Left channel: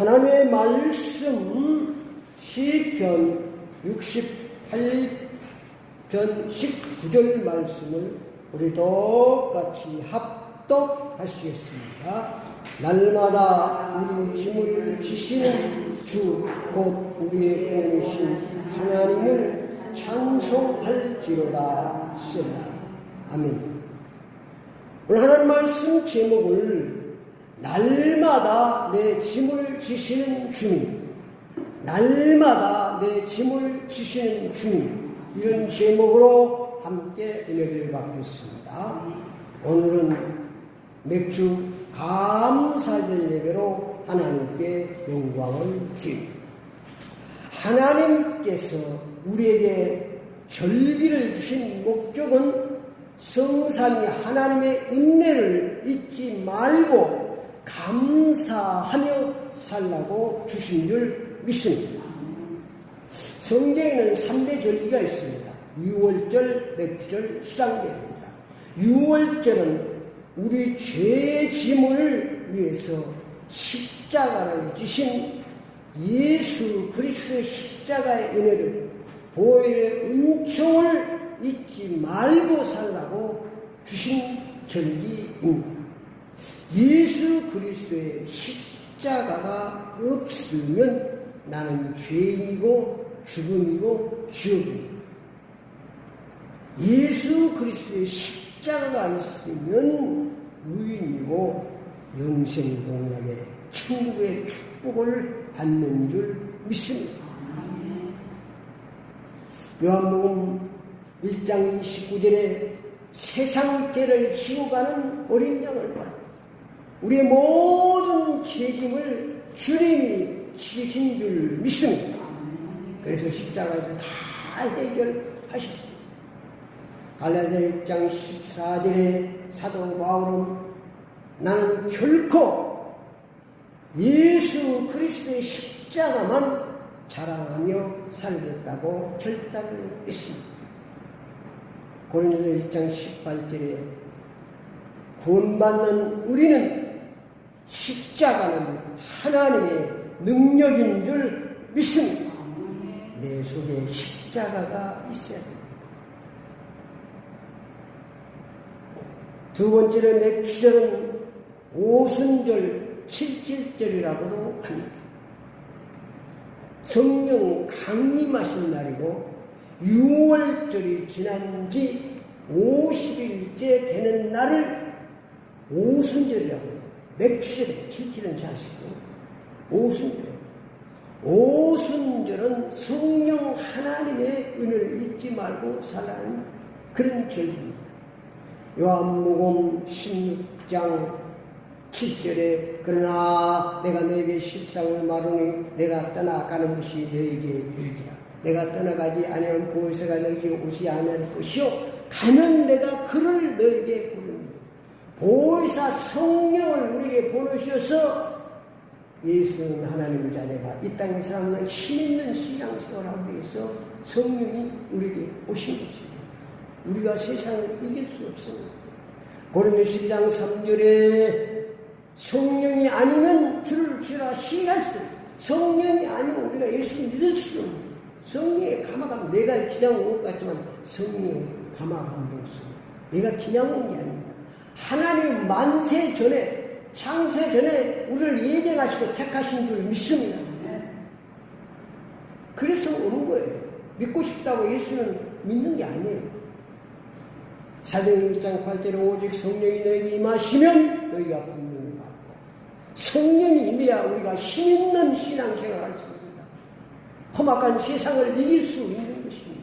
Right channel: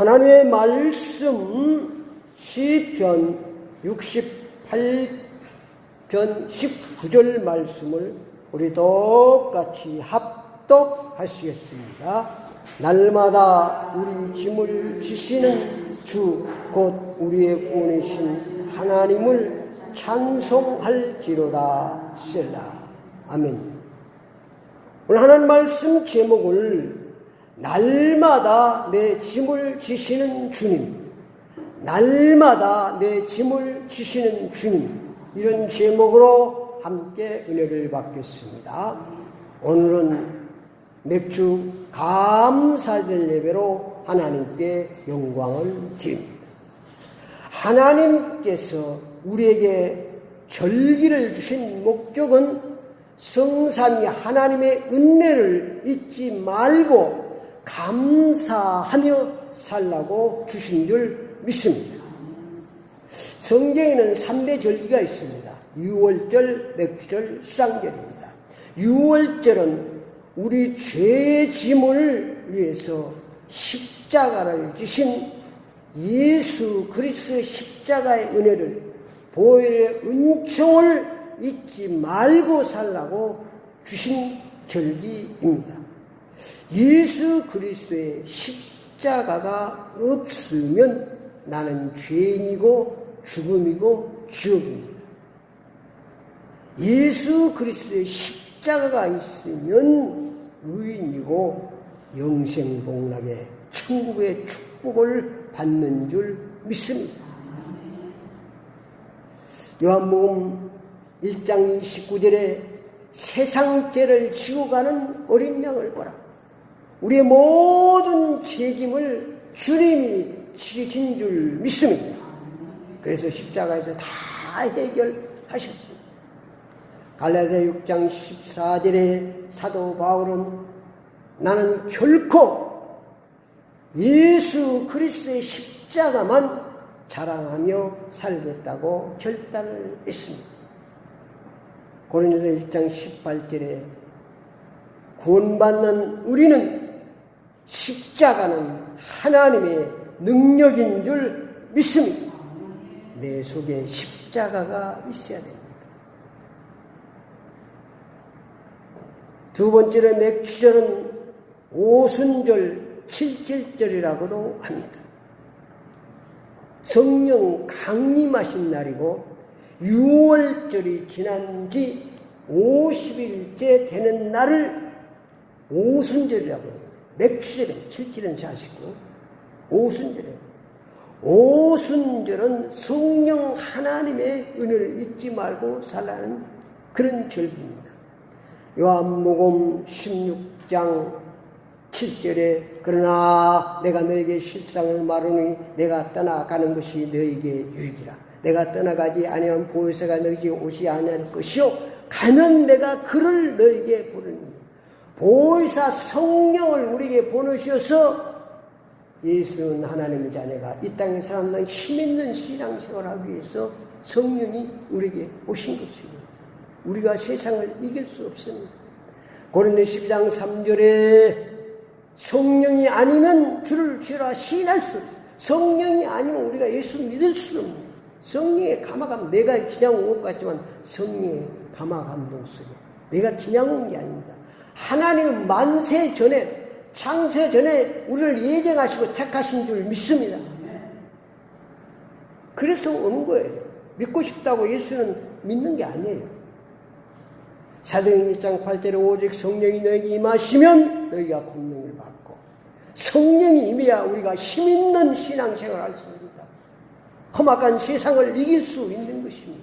하나님의 말씀 시편 68편 19절 말씀을 우리 똑같이 합독하시겠습니다. 날마다 우리 짐을 지시는 주 곧 우리의 구원이신 하나님을 찬송할지로다. 셀라. 아멘. 오늘 하나님 말씀 제목을 날마다 내 짐을 지시는 주님, 날마다 내 짐을 지시는 주님, 이런 제목으로 함께 은혜를 받겠습니다. 오늘은 맥주 감사절 예배로 하나님께 영광을 드립니다. 하나님께서 우리에게 절기를 주신 목적은 성삼위 하나님의 은혜를 잊지 말고 감사하며 살라고 주신 줄 믿습니다. 성경에는 3대 절기가 있습니다. 유월절, 맥주절, 수상절입니다. 유월절은 우리 죄 짐을 위해서 십자가를 지신 예수 그리스도의 십자가의 은혜를, 보혈의 은총을 잊지 말고 살라고 주신 절기입니다. 예수 그리스도의 십자가가 없으면 나는 죄인이고 죽음이고 지옥입니다. 예수 그리스도의 십자가가 있으면 의인이고 영생복락의 천국의 축복을 받는 줄 믿습니다. 요한복음 1장 29절에 세상 죄를 지고 가는 어린 양을 보라. 우리의 모든 죄짐을 주님이 지신 줄 믿습니다. 그래서 십자가에서 다 해결하셨습니다. 갈라디아 6장 14절에 사도 바울은 나는 결코 예수 그리스도의 십자가만 자랑하며 살겠다고 결단을 했습니다. 고린도서 1장 18절에 구원받는 우리는 십자가는 하나님의 능력인 줄 믿습니다. 내 속에 십자가가 있어야 됩니다. 두 번째로 맥주절은 오순절 7절이라고도 합니다. 성령 강림하신 날이고 6월절이 지난 지 50일째 되는 날을 오순절이라고 합니다. 맥주절에 7절은 자시고 오순절은 성령 하나님의 은혜를 잊지 말고 살라는 그런 절기입니다. 요한복음 16장 7절에 그러나 내가 너에게 십상을 말하니 내가 떠나가는 것이 너에게 유익이라. 내가 떠나가지 아니하면 보혜사가 너에게 오지 아니할 것이요 가면 내가 그를 너에게 부르니. 보혜사 성령을 우리에게 보내셔서 예수는 하나님의 자녀가 이 땅에 살아남는 힘있는 신앙생활을 하기 위해서 성령이 우리에게 오신 것입니다. 우리가 세상을 이길 수 없습니다. 고린도 10장 3절에 성령이 아니면 주를 주라 시인할 수 없어요. 성령이 아니면 우리가 예수를 믿을 수 없는, 성령의 감화감, 내가 그냥 온 것 같지만 성령의 감화감동 속에 내가 그냥 온 게 아닙니다. 하나님은 만세 전에, 창세 전에 우리를 예정하시고 택하신 줄 믿습니다. 그래서 온 거예요. 믿고 싶다고 예수는 믿는 게 아니에요. 사도행전 1장 8절에 오직 성령이 너에게 임하시면 너희가 분명히 받고, 성령이 임해야 우리가 힘있는 신앙생활을 할 수 있습니다. 험악한 세상을 이길 수 있는 것입니다.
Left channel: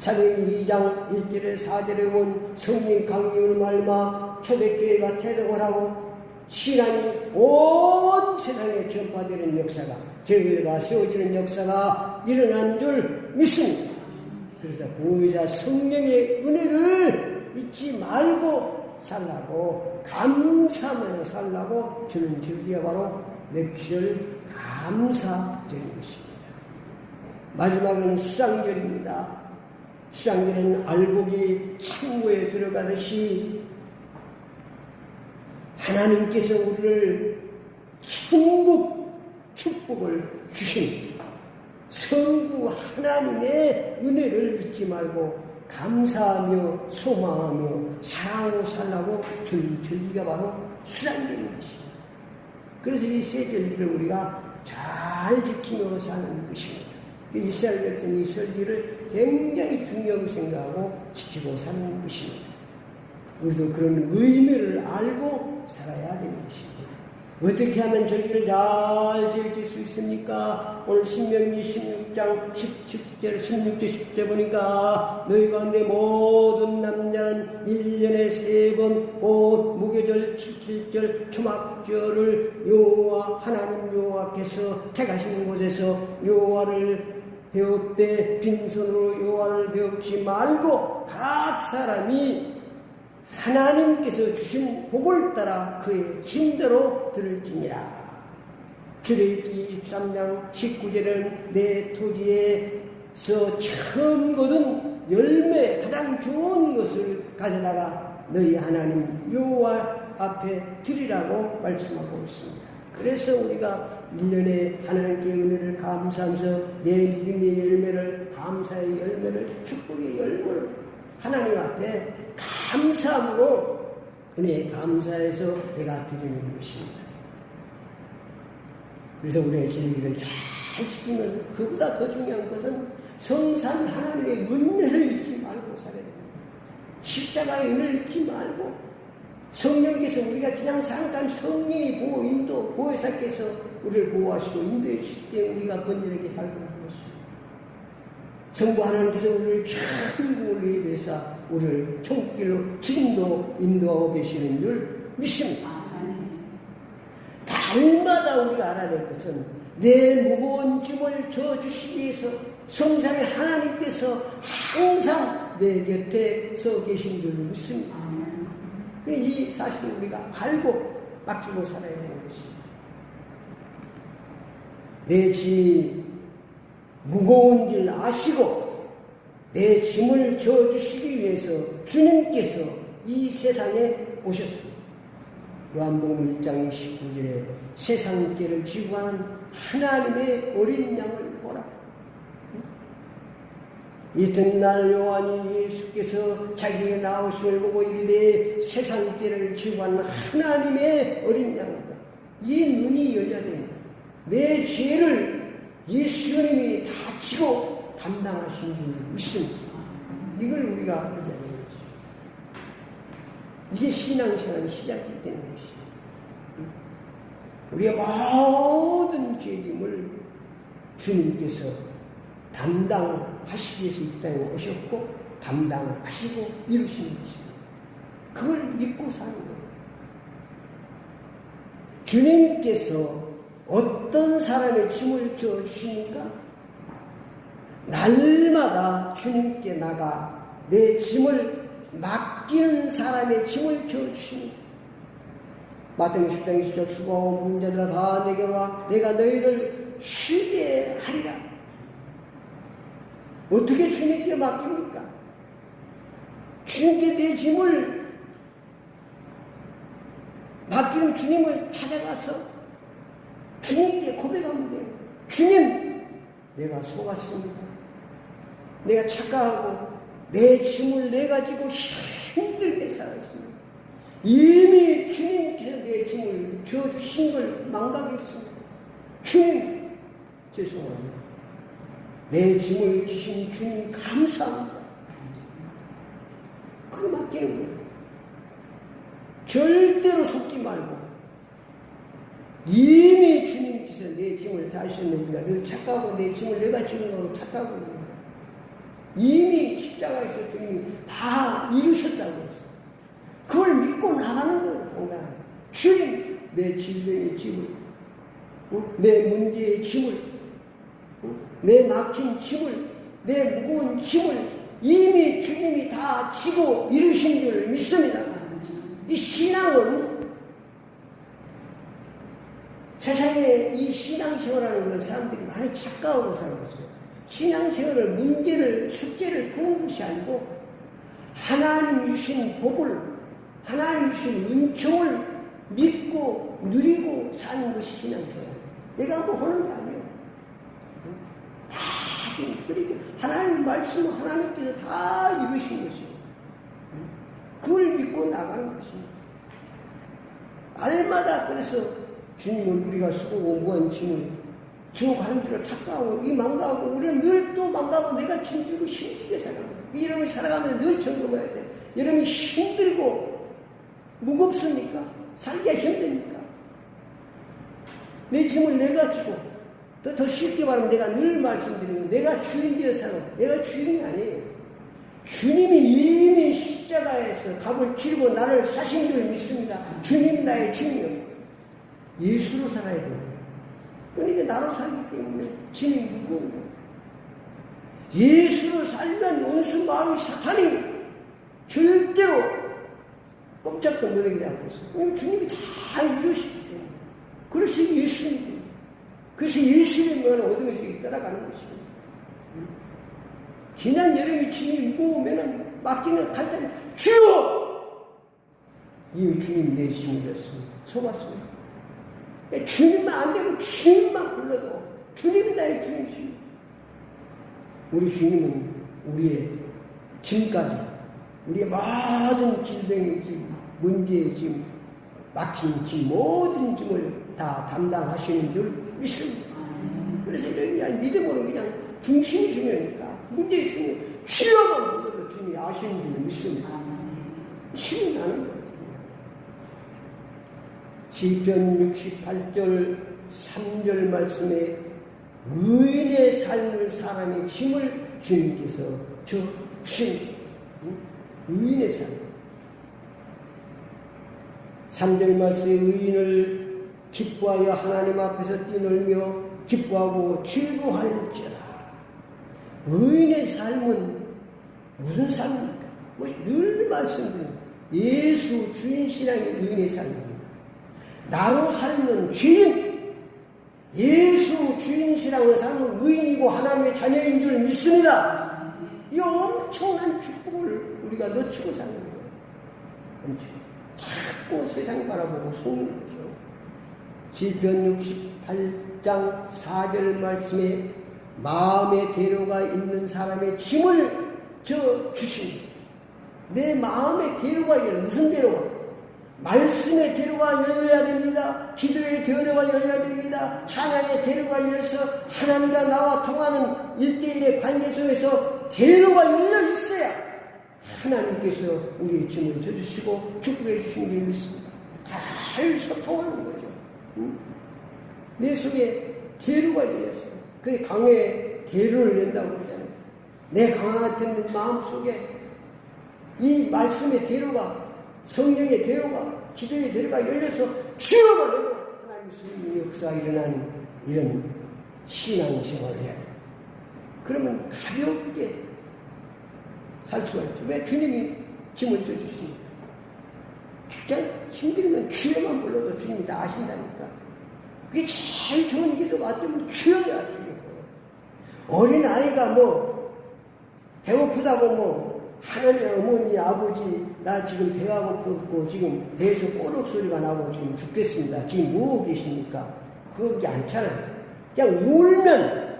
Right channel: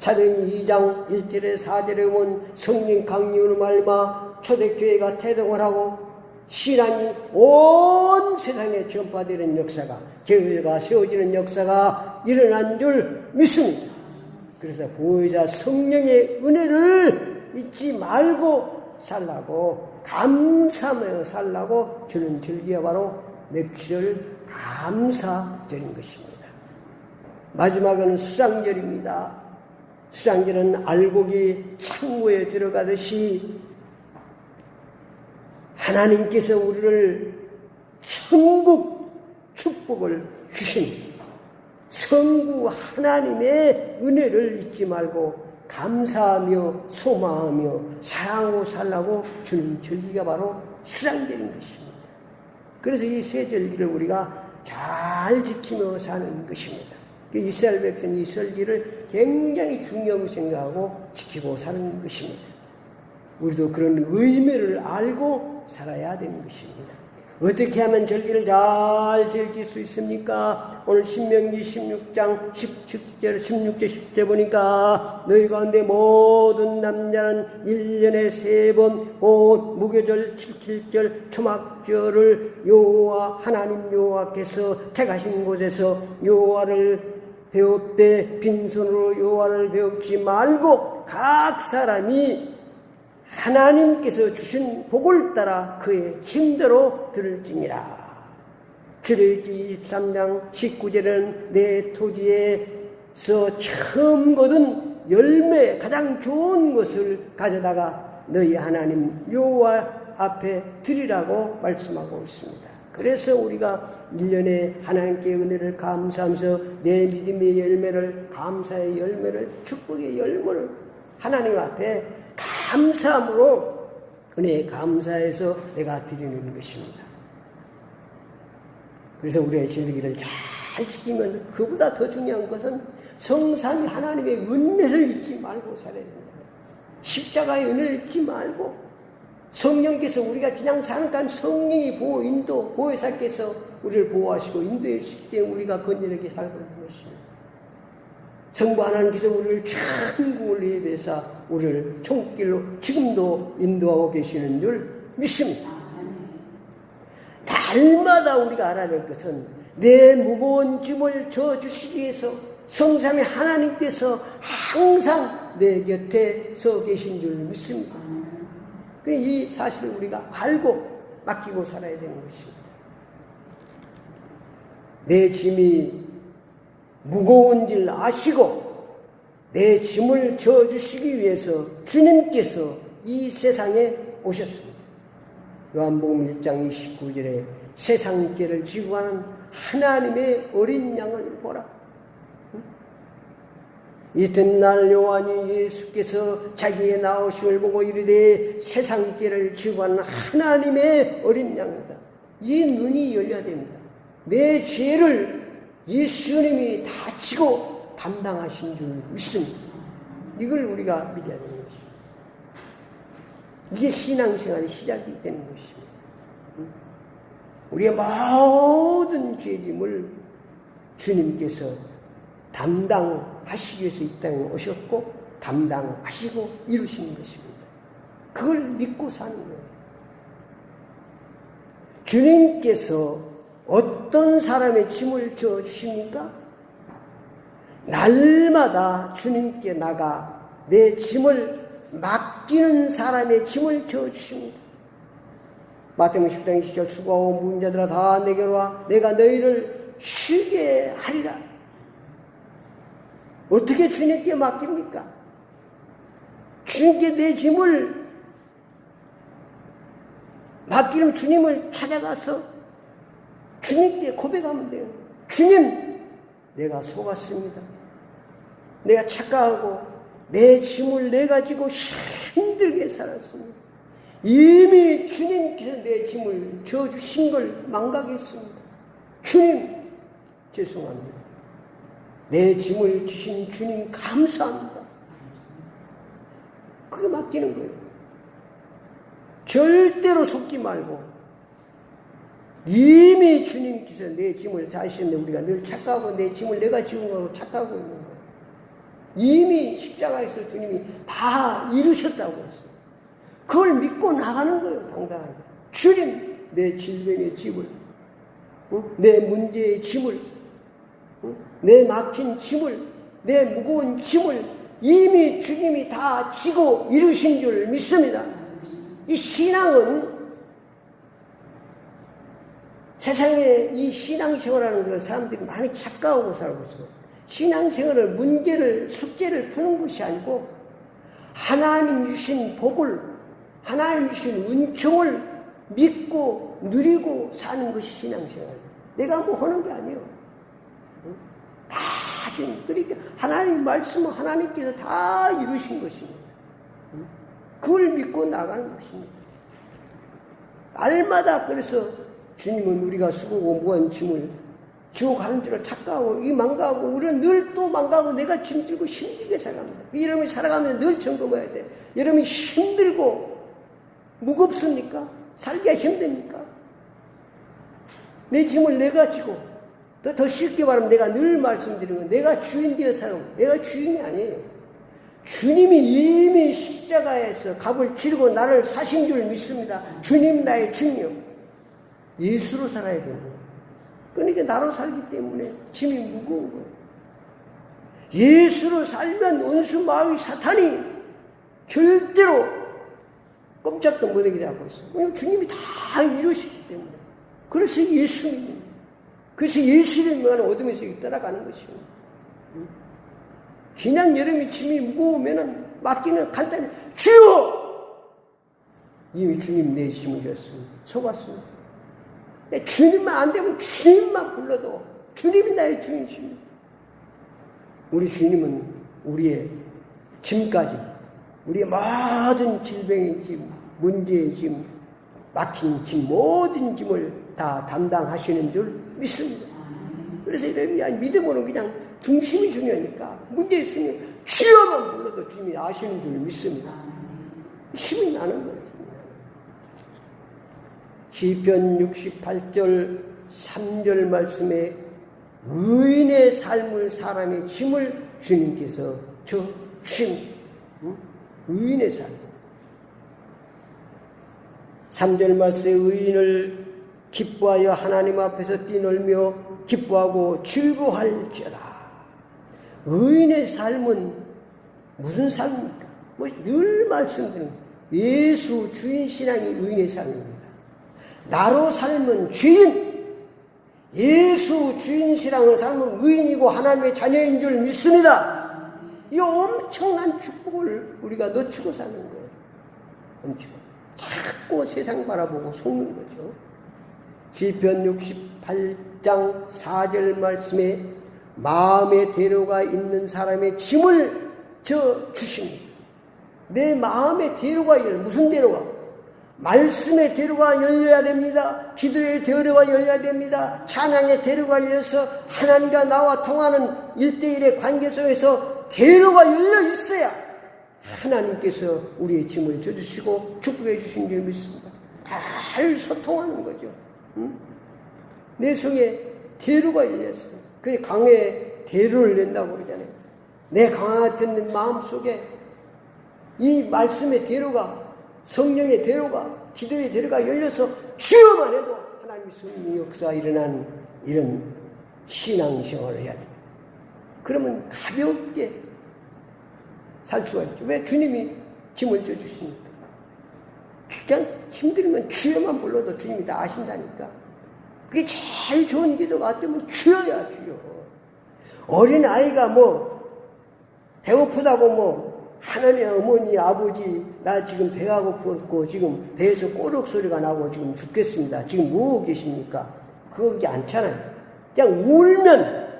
사도행전 2장 1절에 4절에 온 성령 강림으로 말미암아 초대교회가 태동을 하고 신앙이 온 세상에 전파되는 역사가, 교회가 세워지는 역사가 일어난 줄 믿습니다. 그래서 보혜사 성령의 은혜를 잊지 말고 살라고, 감사하며 살라고 주는 절기가 바로 맥주절 감사절인 것입니다. 마지막은 수장절입니다. 수장절은 알곡이 창고에 들어가듯이 하나님께서 우리를 천국 축복을 주신 성부 하나님의 은혜를 잊지 말고 감사하며 소망하며 사랑하고 살라고 주는 절기가 바로 수장절인 것입니다. 그래서 이 세 절기를 우리가 잘 지키며 사는 것입니다. 이스라엘 백성이 이 설기를 굉장히 중요하고 생각하고 지키고 사는 것입니다. 우리도 그런 의미를 알고 살아야 되는 것입니다. 어떻게 하면 절기를 잘 지킬 수 있습니까? 오늘 신명기 16장 17절 16절 10절 보니까 너희 가운데 모든 남자는 1년에 3번 곧 무교절 77절 초막절을 여호와 하나님 여호와께서 택하신 곳에서 여호와를 배울 때 빈손으로 여호와를 배우지 말고 각 사람이 하나님께서 주신 복을 따라 그의 힘대로 들을지니라. 출애굽기 23장 19절은 내 토지에서 처음 거둔 열매 가장 좋은 것을 가져다가 너희 하나님 여호와 앞에 드리라고 말씀하고 있습니다. 그래서 우리가 1년에 하나님께 은혜를 감사하면서 내 믿음의 열매를 감사의 열매를 축복의 열매를 하나님 앞에 감사함으로 은혜에 감사해서 내가 드리는 것입니다. 그래서 우리의 절기를 잘 지키면서 그보다 더 중요한 것은 성삼 하나님의 은혜를 잊지 말고 살아야 됩니다. 십자가의 은혜를 잊지 말고 성령께서 우리가 그냥 잠깐 성령의 보호, 인도, 보혜사께서 우리를 보호하시고 인도해 주시기 때문에 우리가 건전하게 살고 있는 것입니다. 성부 하나님께서 우리를 천국을 예배해서 우리를 천국길로 지금도 인도하고 계시는 줄 믿습니다. 날마다 우리가 알아야 될 것은 내 무거운 짐을 져주시기 위해서 성삼의 하나님께서 항상 내 곁에 서 계신 줄 믿습니다. 이 사실을 우리가 알고 맡기고 살아야 되는 것입니다. 내 짐이 무거운 줄 아시고 내 짐을 져주시기 위해서 주님께서 이 세상에 오셨습니다. 요한복음 1장 29절에 세상 죄를 지고 가는 하나님의 어린 양을 보라. 이튿날 요한이 예수께서 자기의 나오심을 보고 이르되 세상 죄를 지고 가는 하나님의 어린 양이다. 이 눈이 열려야 됩니다. 내 죄를 예수님이 다 지고 담당하신 줄 믿습니다. 이걸 우리가 믿어야 되는 것입니다. 이게 신앙생활의 시작이 되는 것입니다. 우리의 모든 죄짐을 주님께서 담당하시기 위해서 이 땅에 오셨고 담당하시고 이루시는 것입니다. 그걸 믿고 사는 거예요. 주님께서 어떤 사람의 짐을 져주십니까? 날마다 주님께 나가 내 짐을 맡기는 사람의 짐을 져주십니다. 마태복음 10장 20절 수고하고 무거운 자들아 다 내게로 와 내가 너희를 쉬게 하리라. 어떻게 주님께 맡깁니까? 주님께 내 짐을 맡기는 주님을 찾아가서 주님께 고백하면 돼요. 주님, 내가 속았습니다. 내가 착각하고 내 짐을 내가지고 힘들게 살았습니다. 이미 주님께서 내 짐을 져주신 걸 망각했습니다. 주님, 죄송합니다. 내 짐을 지신 주님 감사합니다. 그거 맡기는 거예요. 절대로 속지 말고 이미 주님께서 내 짐을 다 하시는데 우리가 늘 착각하고 내 짐을 내가 지는 거로 착각하고 있는 거예요. 이미 십자가에서 주님이 다 이루셨다고 했어요. 그걸 믿고 나가는 거예요. 당당하게. 주님, 내 질병의 짐을, 내 문제의 짐을, 내 막힌 짐을, 내 무거운 짐을 이미 주님이 다 지고 이루신 줄 믿습니다. 이 신앙은 세상에 이 신앙생활하는 걸 사람들이 많이 착각하고 살고 있어요. 신앙생활을 문제를 숙제를 푸는 것이 아니고 하나님 주신 복을 하나님 주신 은총을 믿고 누리고 사는 것이 신앙생활입니다. 내가 뭐 하는 게 아니에요. 다 지금 그러니까 하나님 말씀은 하나님께서 다 이루신 것이에요. 그걸 믿고 나가는 것입니다. 날마다 그래서 주님은 우리가 수고고 무한 짐을 지고 가는 줄을 착각하고 이 망가하고 우리는 늘 또 망가하고 내가 짐지고 힘들게 살아갑니다. 여러분이 살아가면서 늘 점검해야 돼. 여러분이 힘들고 무겁습니까? 살기가 힘듭니까? 내 짐을 내가 지고 더 쉽게 말하면 내가 늘 말씀드리는 건 내가 주인 되어 살아. 내가 주인이 아니에요. 주님이 이미 십자가에서 값을 치르고 나를 사신 줄 믿습니다. 주님이 나의 주인이요. 예수로 살아야 되고. 그러니까 나로 살기 때문에 짐이 무거워. 예수로 살면 원수 마귀 사탄이 절대로 꼼짝도 못하게 잡고 있어요. 주님이 다 이루시기 때문에. 그래서 예수님. 그래서 예수를 명하는 어둠에서 떠나가는 것이요. 그냥 여름이 짐이 무거우면 맡기는 간단히 주여! 이미 주님 내 짐을 졌습니다. 속았습니다. 주님만 안 되면 주님만 불러도 주님이 나의 주님이십니다. 우리 주님은 우리의 짐까지 우리의 모든 질병의 짐, 문제의 짐, 막힌 짐, 모든 짐을 다 담당하시는 줄 믿습니다. 그래서 이런 믿음으로 그냥 중심이 중요하니까 문제 있으니 주여만 불러도 주님이 아시는 줄 믿습니다. 힘이 나는 거예요. 시편 68절 3절 말씀에 의인의 삶을 사람의 짐을 주님께서 주십니다. 의인의 삶. 3절 말씀에 의인을 기뻐하여 하나님 앞에서 뛰놀며 기뻐하고 즐거워할지어다. 의인의 삶은 무슨 삶입니까? 늘 말씀드립니다. 예수 주인 신앙이 의인의 삶입니다. 나로 살면 죄인, 예수 주인 신앙을 살면 의인이고 하나님의 자녀인 줄 믿습니다. 이 엄청난 축복을 우리가 놓치고 사는 거예요. 엄청. 자꾸 세상 바라보고 속는 거죠. 시편 68장 4절 말씀에 마음의 대로가 있는 사람의 짐을 주십니다. 내 마음의 대로가 무슨 대로가? 말씀의 대로가 열려야 됩니다. 기도의 대로가 열려야 됩니다. 찬양의 대로가 열려서 하나님과 나와 통하는 1대1의 관계 속에서 대로가 열려 있어야 하나님께서 우리의 짐을 져주시고 축복해 주신 줄 믿습니다. 잘 소통하는 거죠. 내 속에 대로가 열렸어요. 그게 강에 대로를 낸다고 그러잖아요. 내 강화 같은 마음 속에 이 말씀의 대로가, 성령의 대로가, 기도의 대로가 열려서 주여만 해도 하나님의 승리 역사가 일어나는 이런 신앙생활을 해야 돼요. 그러면 가볍게 살 수가 있죠. 왜? 주님이 짐을 져주시니까. 그냥 힘들면 주여만 불러도 주님이 다 아신다니까. 그게 제일 좋은 기도가 되면 주여야 주여. 어린아이가 배고프다고 하나님 어머니 아버지 나 지금 배가 고프고 지금 배에서 꼬륵 소리가 나고 지금 죽겠습니다. 지금 뭐하고 계십니까? 그게 않잖아요. 그냥 울면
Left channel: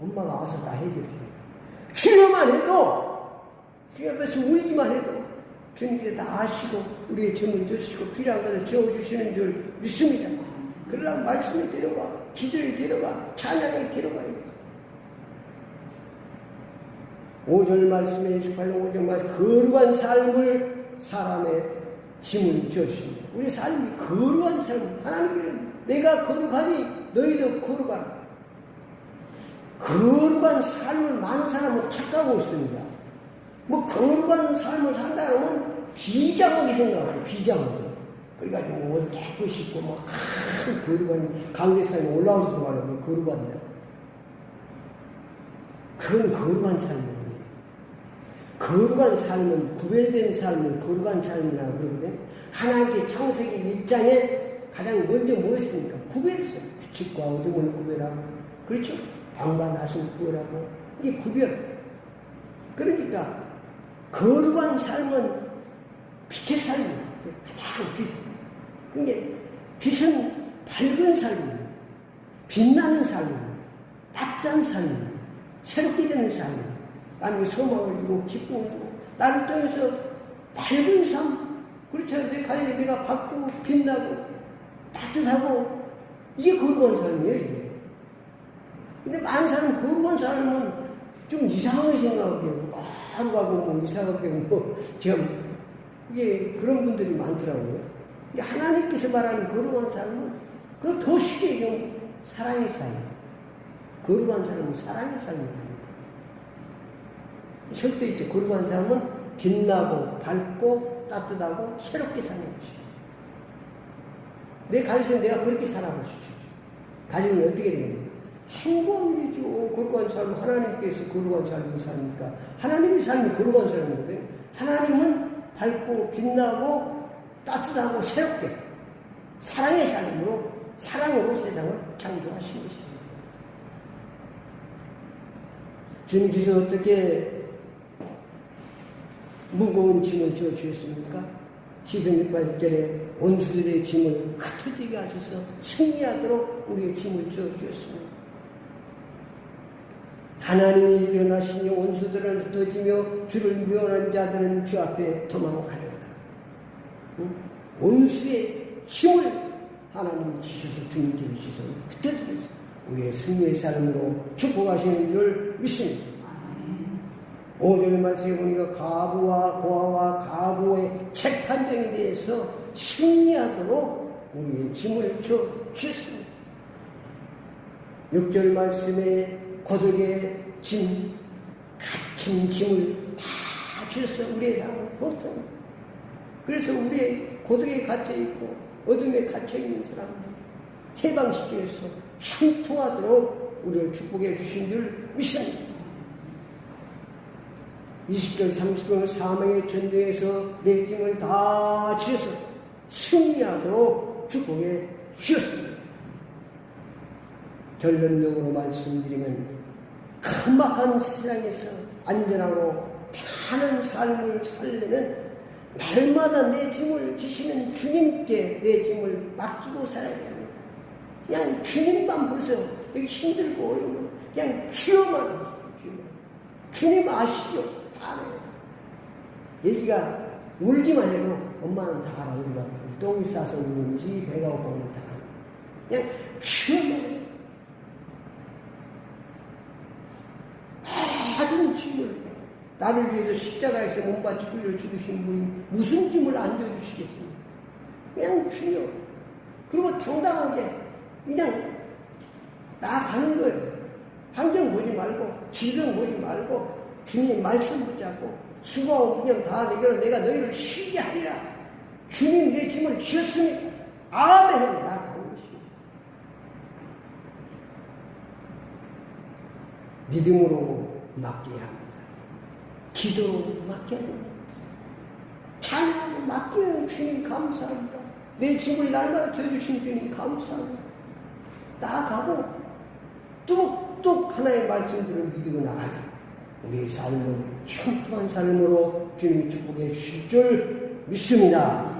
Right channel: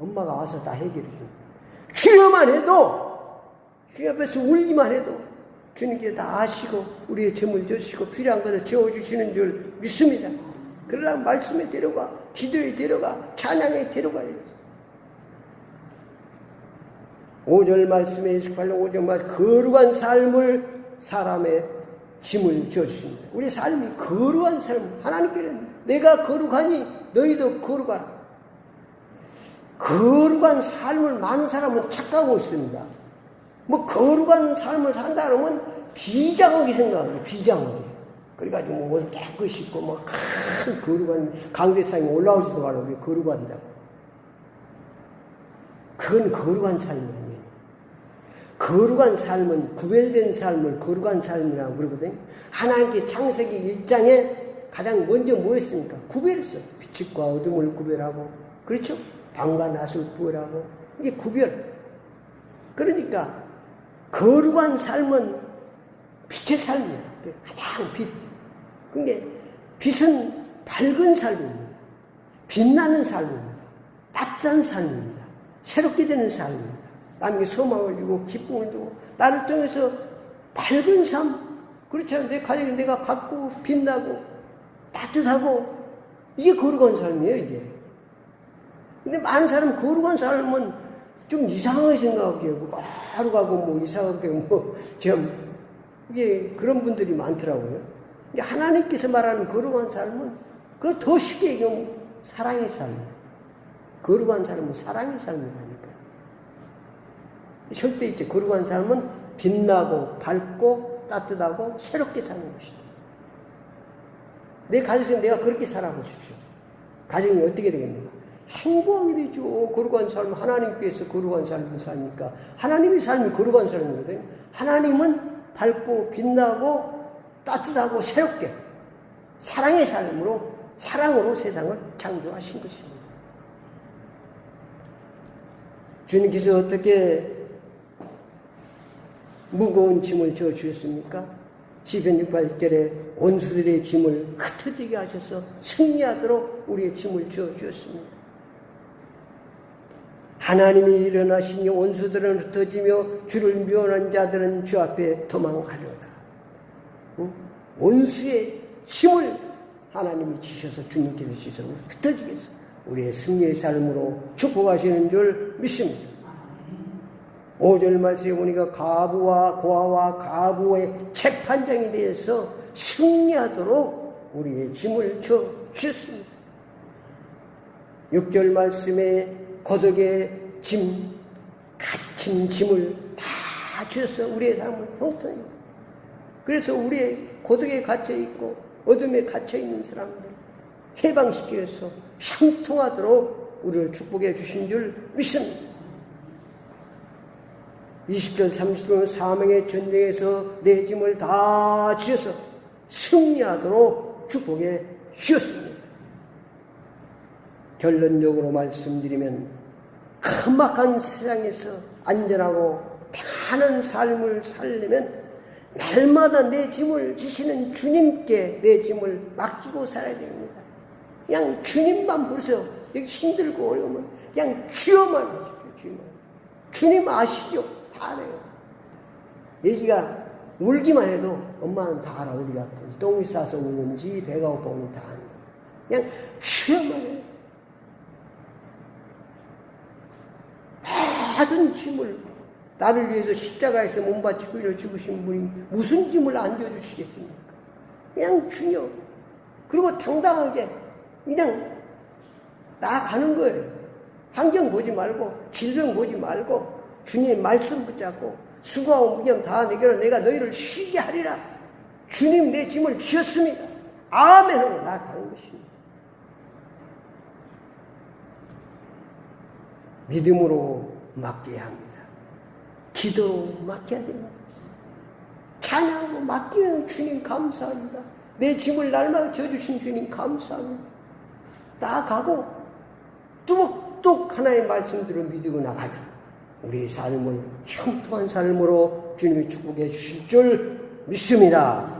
엄마가 와서 다 해결해 줘요. 주여만 해도 주 앞에서 울기만 해도 주님께서 다 아시고 우리의 점을 져주시고 필요한 것을 채워주시는 줄 믿습니다. 그러나 말씀의 대로가, 기도의 대로가, 찬양의 대로가 5절 말씀에 28장 5절 말씀 거룩한 삶을 사람의 짐을 지어주십니다. 우리 삶이 거룩한 삶, 하나님께는 내가 거룩하니 너희도 거룩하라. 거룩한 삶을 많은 사람은 착각하고 있습니다. 거룩한 삶을 산다 그러면 비장하게 생각해요. 비장하게. 그래가지고 옷을 깨끗이 입고 큰 거룩한 강대상에 올라오지도 말하면 거룩한다. 그건 거룩한 삶이에요. 거룩한 삶은, 구별된 삶은 거룩한 삶이라고 그러거든요. 하나님께 창세기 1장에 가장 먼저 뭐 했습니까? 구별했어요. 빛과 어둠을 구별하고, 그렇죠? 방과 낮을 구별하고, 이게 구별. 그러니까, 거룩한 삶은 빛의 삶이에요. 가장 빛. 그러니까, 빛은 밝은 삶입니다. 빛나는 삶입니다. 따뜻한 삶입니다. 새롭게 되는 삶입니다. 남에게 소망을 주고 기쁨을 주고 나를 통해서 밝은 삶, 그렇지 않아요? 내 가정에 내가 밝고 빛나고 따뜻하고 이게 거룩한 삶이에요, 이게. 근데 많은 사람은 거룩한 삶은 좀 이상하게 생각해요. 하루가고 뭐 이상하게 이게 그런 분들이 많더라고요. 근데 하나님께서 말하는 거룩한 삶은 그거 더 쉽게 얘기하면 사랑의 삶이에요. 거룩한 삶은 사랑의 삶입니다. 절대 있죠. 거룩한 삶은 빛나고 밝고 따뜻하고 새롭게 사는 것이다. 내 가정에서 내가 그렇게 살아보십시오. 가정이 어떻게 되겠는가? 행복하게 되죠. 거룩한 삶, 하나님께서 거룩한 삶을 사니까 하나님의 삶이 거룩한 삶이거든요. 하나님은 밝고 빛나고 따뜻하고 새롭게 사랑의 삶으로 사랑으로 세상을 창조하신 것입니다. 주님께서 어떻게 무거운 짐을 져 주셨습니까? 시편 68절에 원수들의 짐을 흩어지게 하셔서 승리하도록 우리의 짐을 져 주셨습니다. 하나님이 일어나시니 원수들은 흩어지며 주를 미워하는 자들은 주 앞에 도망하려라. 원수의 짐을 하나님이 지셔서 주님께서 지셔서 흩어지게 해서 우리의 승리의 삶으로 축복하시는 줄 믿습니다. 5절 말씀에 보니까 가부와 고아와 가부의 재판장에 대해서 승리하도록 우리의 짐을 져 주셨습니다. 6절 말씀에 고독의 짐, 갇힌 짐을 다 주셨어요. 우리의 삶은 보통입니다. 그래서 우리의 고독에 갇혀있고 어둠에 갇혀있는 사람들 해방시켜서 형통하도록 우리를 축복해 주신 줄 믿습니다. 20절 30절 사망의 전쟁에서 내 짐을 다 지어서 승리하도록 축복해 주셨습니다. 결론적으로 말씀드리면 험악한 세상에서 안전하고 편안한 삶을 살려면 날마다 내 짐을 지시는 주님께 내 짐을 맡기고 살아야 됩니다. 그냥 주님만 보세요. 여기 힘들고 어려우면 그냥 주여만 하십시오. 주님 아시죠? 다 알아요. 얘기가 울기만 해도 엄마는 다 알아. 우리가 똥이 싸서 우는지 배가 고프면 다 알아. 그냥 주여만 해요. 모든 짐을 나를 위해서 십자가에서 몸바치고 이를 죽으신 분이 무슨 짐을 안겨주시겠습니까? 그냥 주여. 그리고 당당하게 그냥 나아가는 거예요. 환경 보지 말고 질병 보지 말고 주님의 말씀 붙잡고 수고하고 무념 다 내게로 내가 너희를 쉬게 하리라. 주님 내 짐을 지었으니 아멘으로 나아가는 것입니다. 믿음으로 맡겨야 합니다. 기도 맡겨야 합니다. 찬양으로 맡기는 주님 감사합니다. 내 짐을 날마다 져주신 주님 감사합니다. 나아가고 뚝뚝 하나의 말씀들을 믿고 나가면 우리의 삶은 형통한 삶으로 주님이 축복해 주실 줄 믿습니다.